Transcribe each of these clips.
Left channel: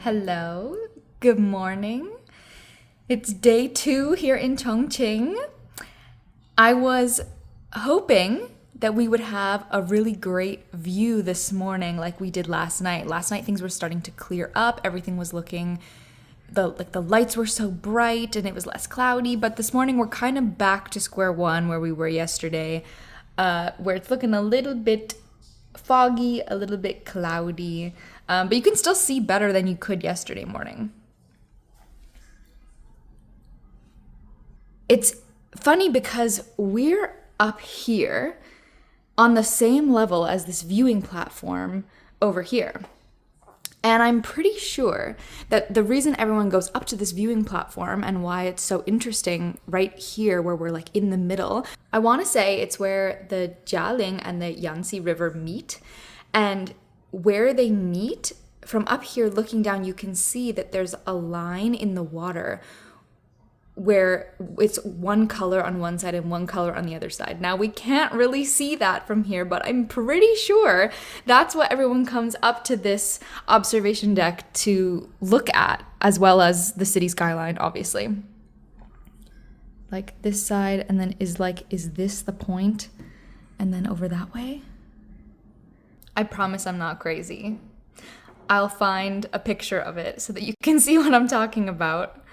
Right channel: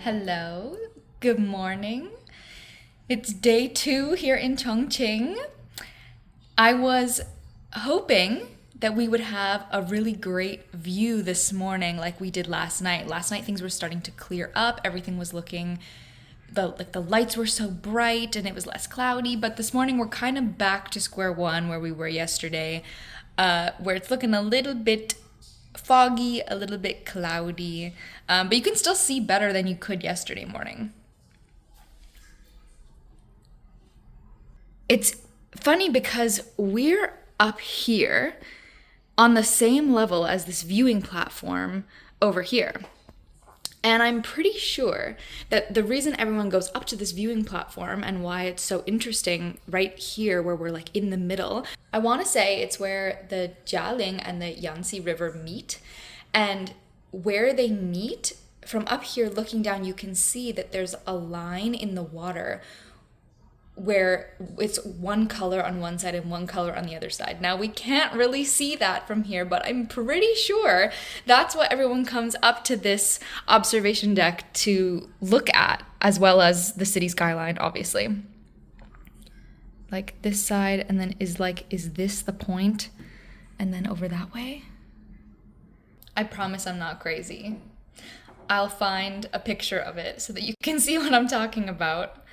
Hello, good morning. It's day 2 here in Chongqing. I was hoping that we would have a really great view this morning like we did last night. Last night things were starting to clear up, everything was looking, the lights were so bright and it was less cloudy, but this morning we're kind of back to square one where we were yesterday, where it's looking a little bit foggy, a little bit cloudy, but you can still see better than you could yesterday morning. It's funny because we're up here on the same level as this viewing platform over here. And I'm pretty sure that the reason everyone goes up to this viewing platform and why it's so interesting right here where we're like in the middle, I want to say it's where the Jialing and the Yangtze River meet. And where they meet, from up here looking down, you can see that there's a line in the water where it's one color on one side and one color on the other side. Now, we can't really see that from here, but I'm pretty sure that's what everyone comes up to this observation deck to look at, as well as the city skyline, obviously. Like this side, and then is this the point? And then over that way? I promise I'm not crazy. I'll find a picture of it so that you can see what I'm talking about.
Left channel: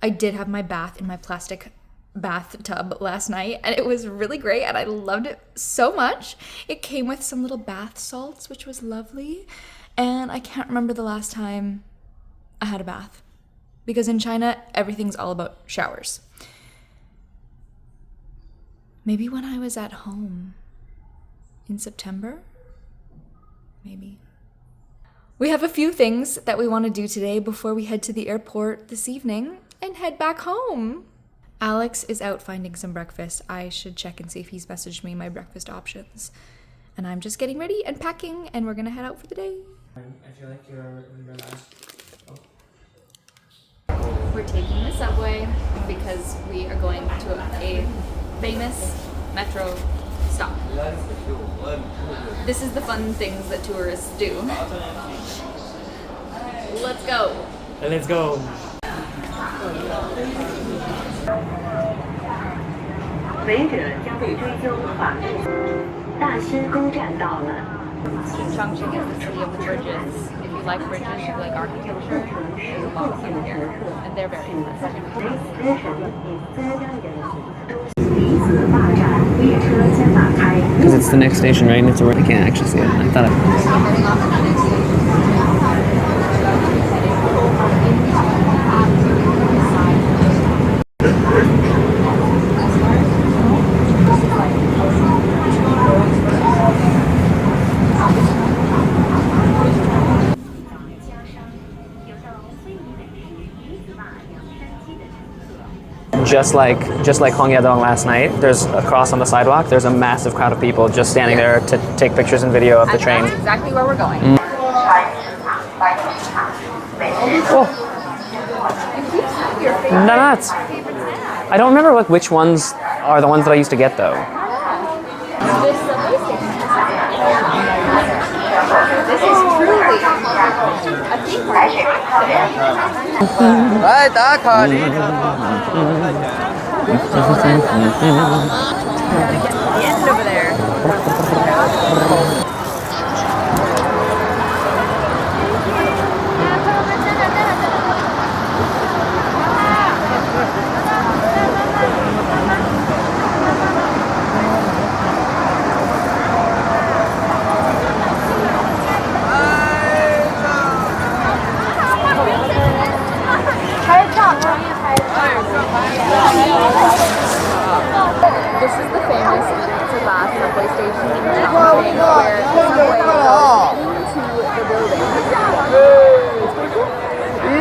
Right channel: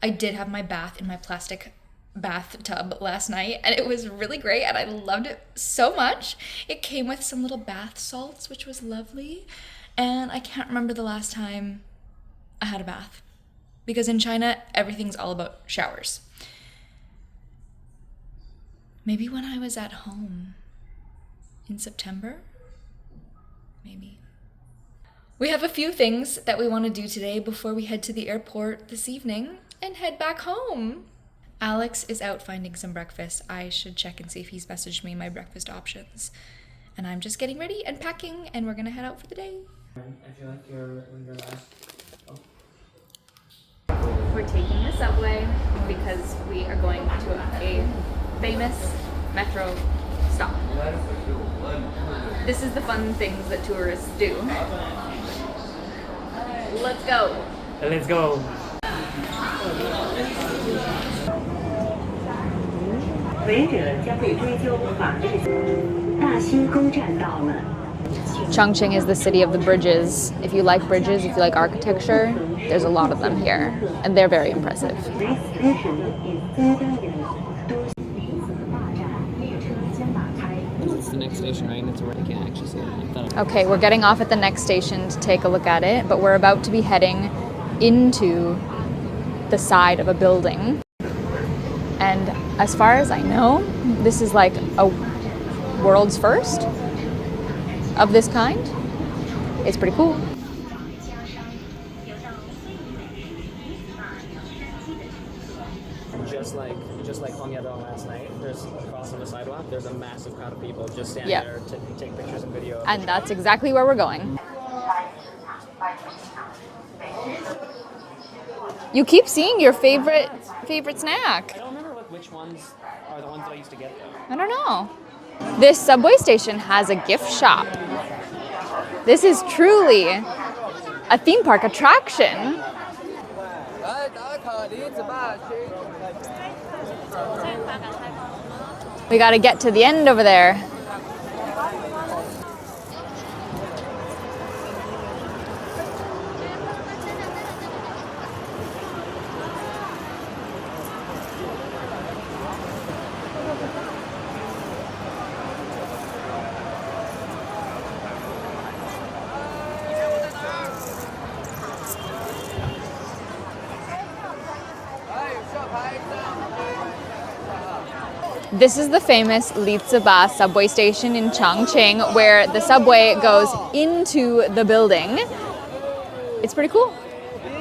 I did have my bath in my plastic bathtub last night, and it was really great, and I loved it so much. It came with some little bath salts, which was lovely, and I can't remember the last time I had a bath, because in China, everything's all about showers. Maybe when I was at home in September? Maybe. We have a few things that we want to do today before we head to the airport this evening and head back home. Alex is out finding some breakfast. I should check and see if he's messaged me my breakfast options. And I'm just getting ready and packing, and we're gonna head out for the day. I feel like you're We're taking the subway because we are going to a famous metro stop. This is the fun things that tourists do. Let's go. Let's go. Chongqing is the city of the bridges. If you like bridges, if you like architecture, there's a lot of them here, and they're very impressive. Because it's the next station, right? And it's where I can't actually see it. Okay, we're getting off at the next station to take a look at it, but we're about to be heading into the side of a building. And as far as I know, this is like a world's first of this kind. It's pretty cool. Just like Hong Yadong last night, there's a cross on the sidewalk. There's a massive crowd of people just standing there to take pictures and video of the train. That's exactly where we're going. Oh. You keep seeing your favorite Nuts. favorite snack. I don't remember which ones are the ones that I used to get though. I don't know. This subway station has a gift shop. This is truly a theme park attraction. We gotta get to the end over there. This is the famous liziba subway station in Chongqing, where the subway goes into the building. It's pretty cool.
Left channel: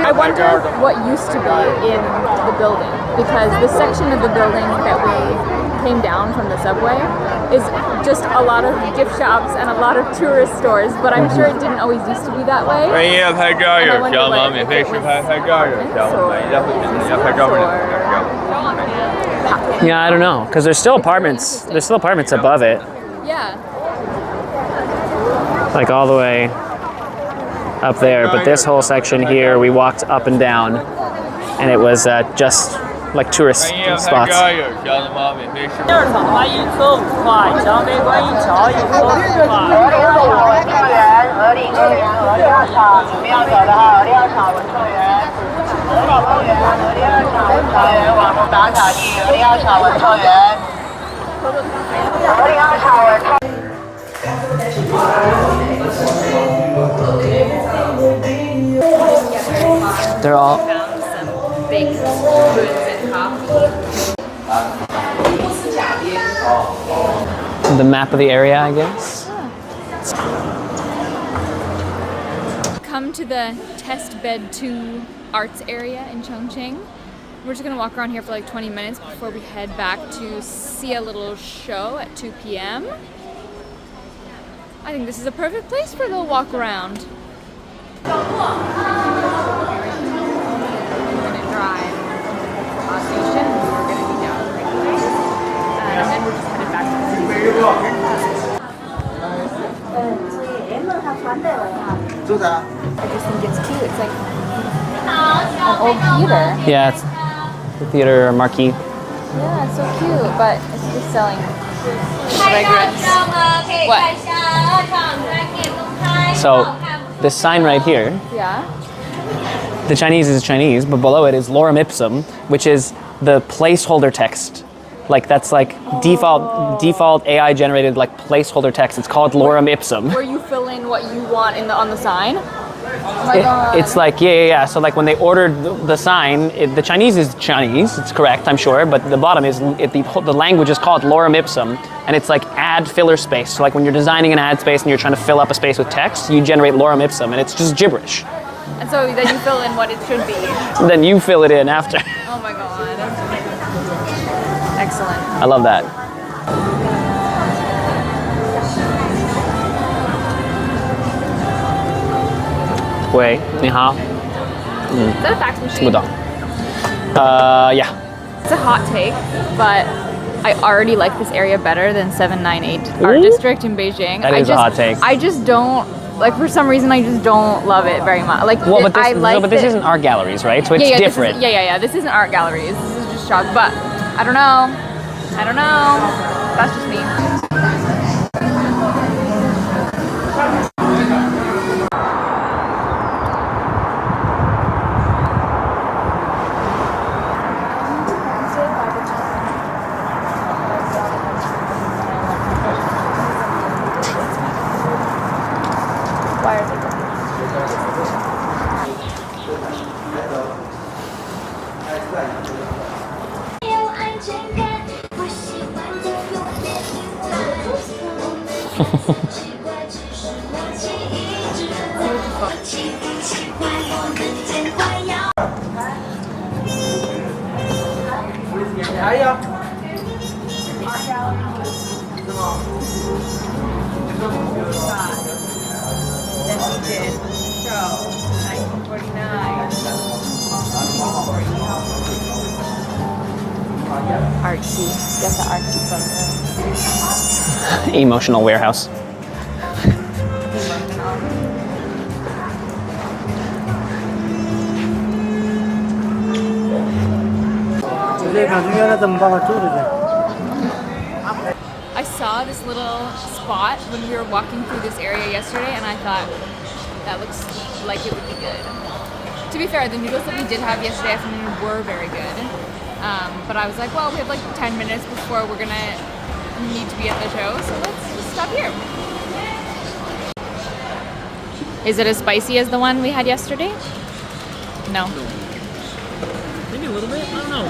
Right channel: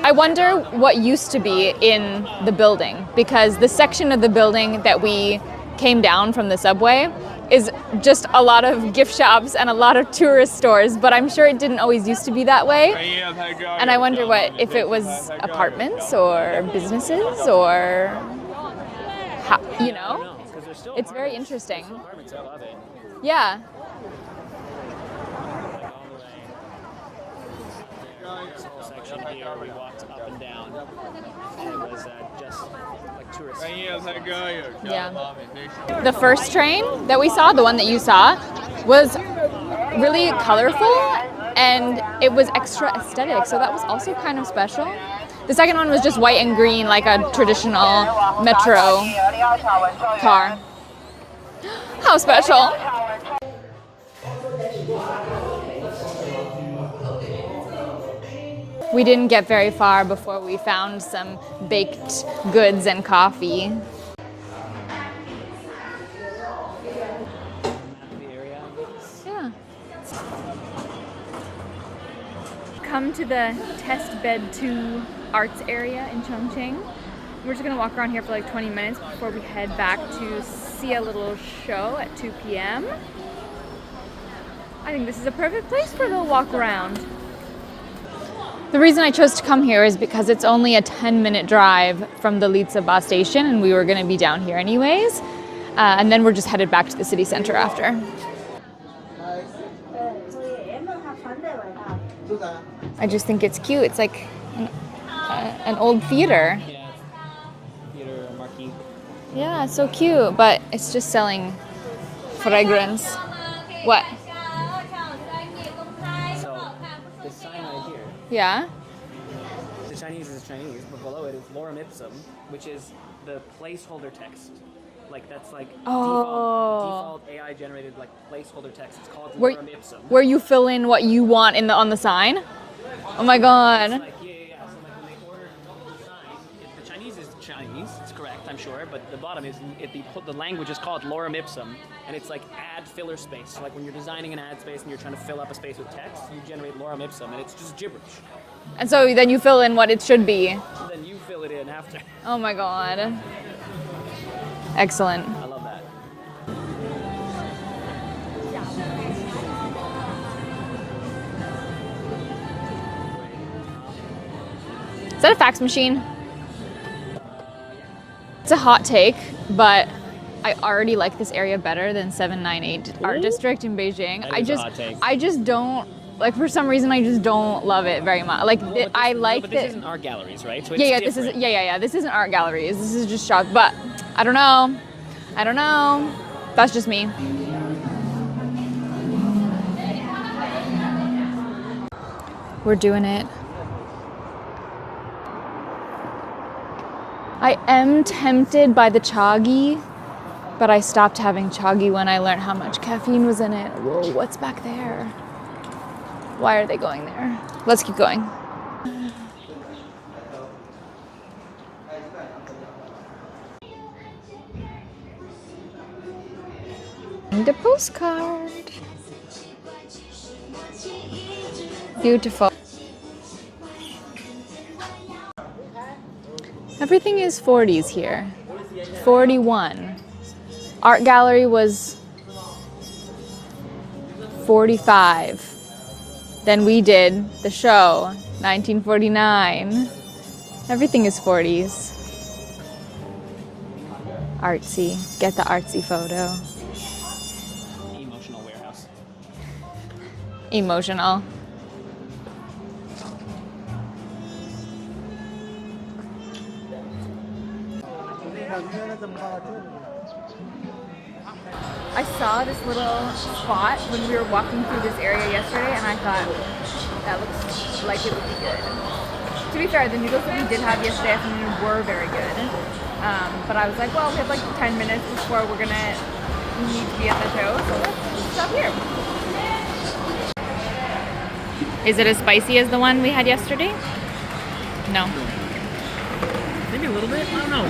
I wonder what used to be in the building, because the section of the building that we came down from the subway is just a lot of gift shops and a lot of tourist stores, but I'm sure it didn't always used to be that way. And I wonder if it was apartments or businesses or... Yeah, I don't know, because there's still apartments. There's still apartments above it. Yeah. Like all the way up there, but this whole section here, we walked up and down, and it was just like tourist spots. The first train that we saw, the one that you saw, was really colorful and it was extra aesthetic, so that was actually kind of special. The second one was just white and green, like a traditional metro car. How special. We didn't get very far before we found some baked goods and coffee. The map of the area, I guess. Come to the Testbed 2 arts area in Chongqing. We're just gonna walk around here for like 20 minutes before we head back to see a little show at 2 p.m. I think this is a perfect place for the walk around. The reason I chose to come here is because it's only a 10-minute drive from the liziba station, and we were going to be down here anyways. And then we're just headed back to the city center after. I just think it's cute. It's like an old theater. Yeah, it's the theater marquee. Yeah, it's so cute, but it's just selling fragrance. What? So, this sign right here, Yeah? the Chinese is Chinese, but below it is lorem ipsum, which is the placeholder text. Like that's like default AI generated like placeholder text. It's called lorem ipsum. Where you fill in what you want on the sign? Oh my god. It's like, yeah. So like when they ordered the sign, the Chinese is Chinese, it's correct, I'm sure, but the bottom is, the language is called lorem ipsum, and it's like add filler space. So like when you're designing an ad space and you're trying to fill up a space with text, you generate lorem ipsum, and it's just gibberish. And so then you fill in what it should be. Then you fill it in after. Oh my god. Excellent. I love that. 喂，你好。 Is that a fax machine? 听不懂。Yeah. It's a hot take, but I already like this area better than 798 Art District in Beijing. That is a hot take. I just don't, like, for some reason I just don't love it very much. Like, Well, but this, I like but this isn't art galleries, right? So it's yeah, different. This isn't art galleries. This is just shop. But I don't know. That's just me. We're doing it. I am tempted by the chagi, but I stopped having chagi when I learned how much caffeine was in it. What's back there? Why are they going there? Let's keep going. And a postcard. Beautiful. Everything is 40s here. 41. Art gallery was 45. Then we did the show, 1949. Everything is 40s. Artsy. Get the artsy photo. Emotional warehouse. Emotional. I saw this little spot when we were walking through this area yesterday, and I thought, that looks like it would be good. To be fair, the noodles that we did have yesterday afternoon were very good. But I was like, well, we have like 10 minutes before we're gonna need to be at the show, so let's stop here. Is it as spicy as the one we had yesterday? No. Maybe a little bit. I don't know.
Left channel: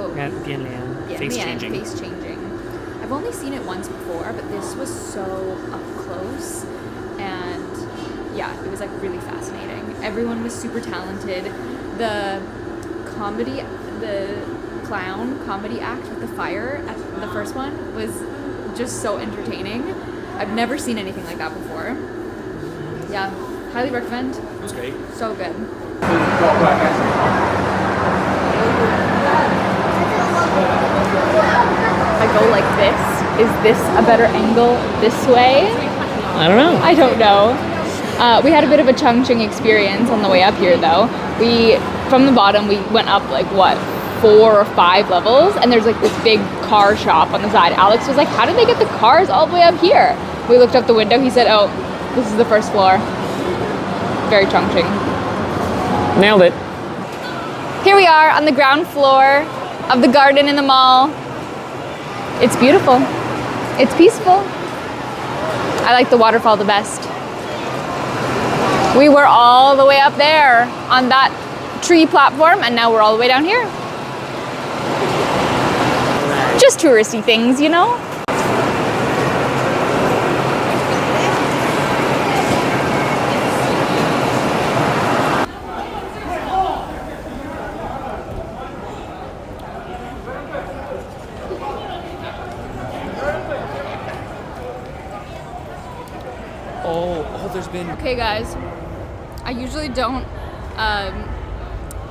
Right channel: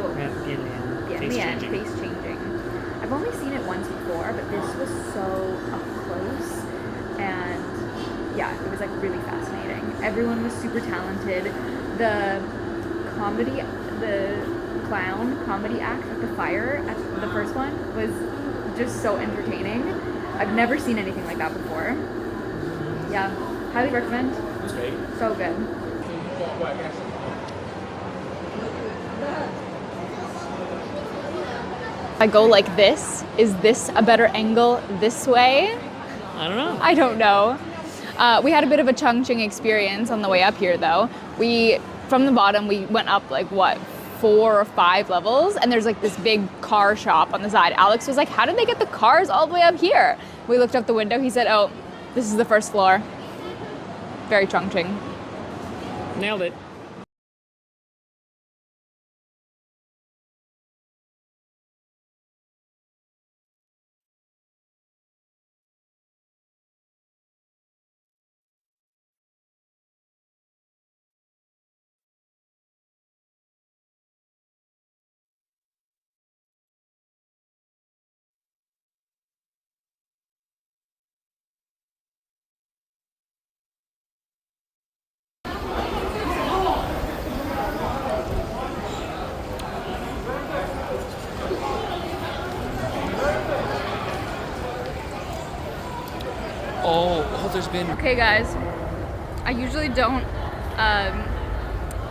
Oh, Yeah, face changing. face changing. I've only seen it once before, but this was so up close, and yeah, it was like really fascinating. Everyone was super talented. The clown comedy act with the fire at the first one was just so entertaining. I've never seen anything like that before. Yeah, highly recommend. It was great. So good. I go like this. Is this a better angle this way? I don't know. I don't know. We had a bit of a Chongqing experience on the way up here though. From the bottom, we went up like what, 4 or 5 levels, and there's like this big car shop on the side. Alex was like, how did they get the cars all the way up here? We looked up the window, he said, oh, this is the first floor. Very Chongqing. Nailed it. Here we are on the ground floor of the garden in the mall. It's beautiful. It's peaceful. I like the waterfall the best. We were all the way up there on that tree platform, and now we're all the way down here. Just touristy things, you know? Oh, there's been. Okay guys, I usually don't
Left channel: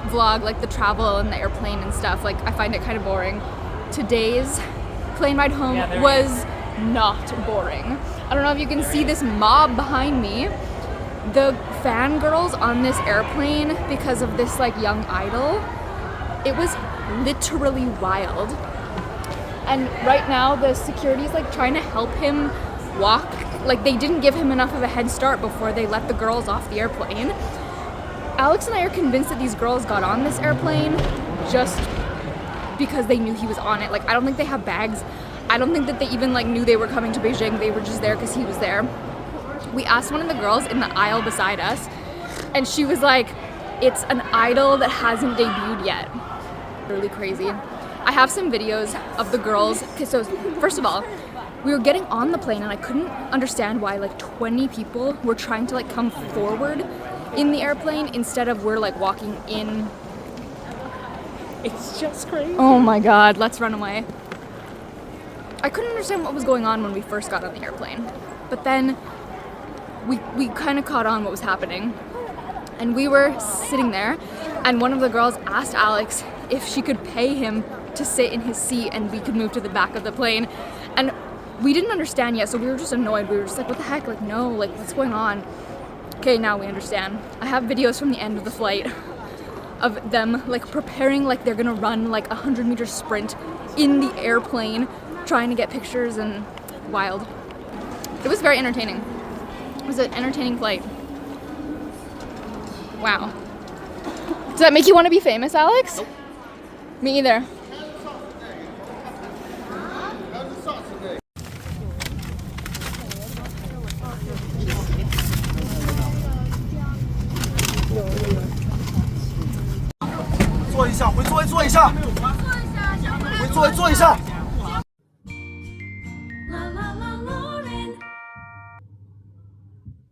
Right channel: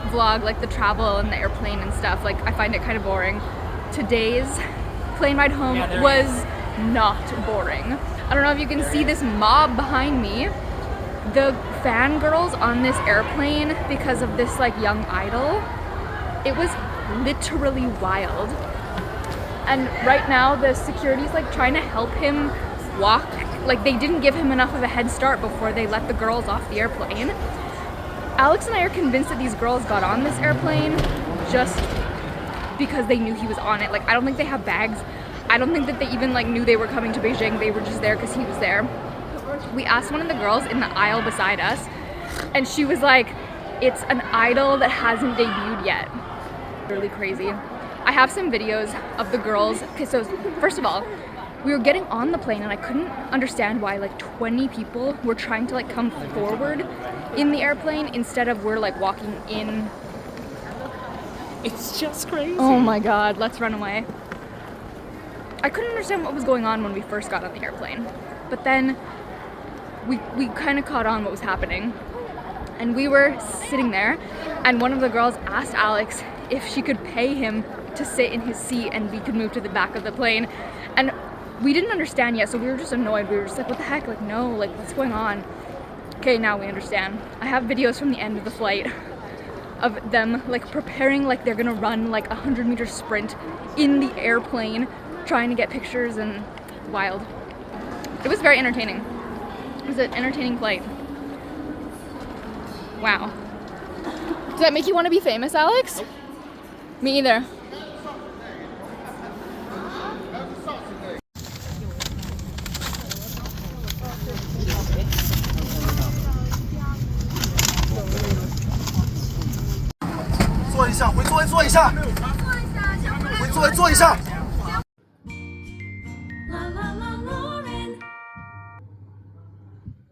vlog like the travel and the airplane and stuff. Like I find it kind of boring. Today's plane ride home was not boring. I don't know if you can see this mob behind me. The fangirls on this airplane because of this like young idol. It was literally wild. And right now the security's like trying to help him walk. Like they didn't give him enough of a head start before they let the girls off the airplane. Alex and I are convinced that these girls got on this airplane just because they knew he was on it. Like I don't think they have bags. I don't think that they even like knew they were coming to Beijing. They were just there because he was there. We asked one of the girls in the aisle beside us, and she was like, it's an idol that hasn't debuted yet. Really crazy. I have some videos of the girls. Okay, so first of all, we were getting on the plane and I couldn't understand why like 20 people were trying to like come forward in the airplane instead of we're like walking in. It's just crazy. Oh my god, let's run away. I couldn't understand what was going on when we first got on the airplane, but then we kind of caught on what was happening, and we were sitting there and one of the girls asked Alex if she could pay him to sit in his seat and we could move to the back of the plane, and we didn't understand yet, so we were just annoyed. We were just like, what the heck, like no, like what's going on? Okay, now we understand. I have videos from the end of the flight of them like preparing like they're gonna run like a 100-meter sprint in the airplane, trying to get pictures, and wild. It was very entertaining. It was an entertaining flight. Wow. Does that make you want to be famous, Alex? Nope. Me either. La la la la.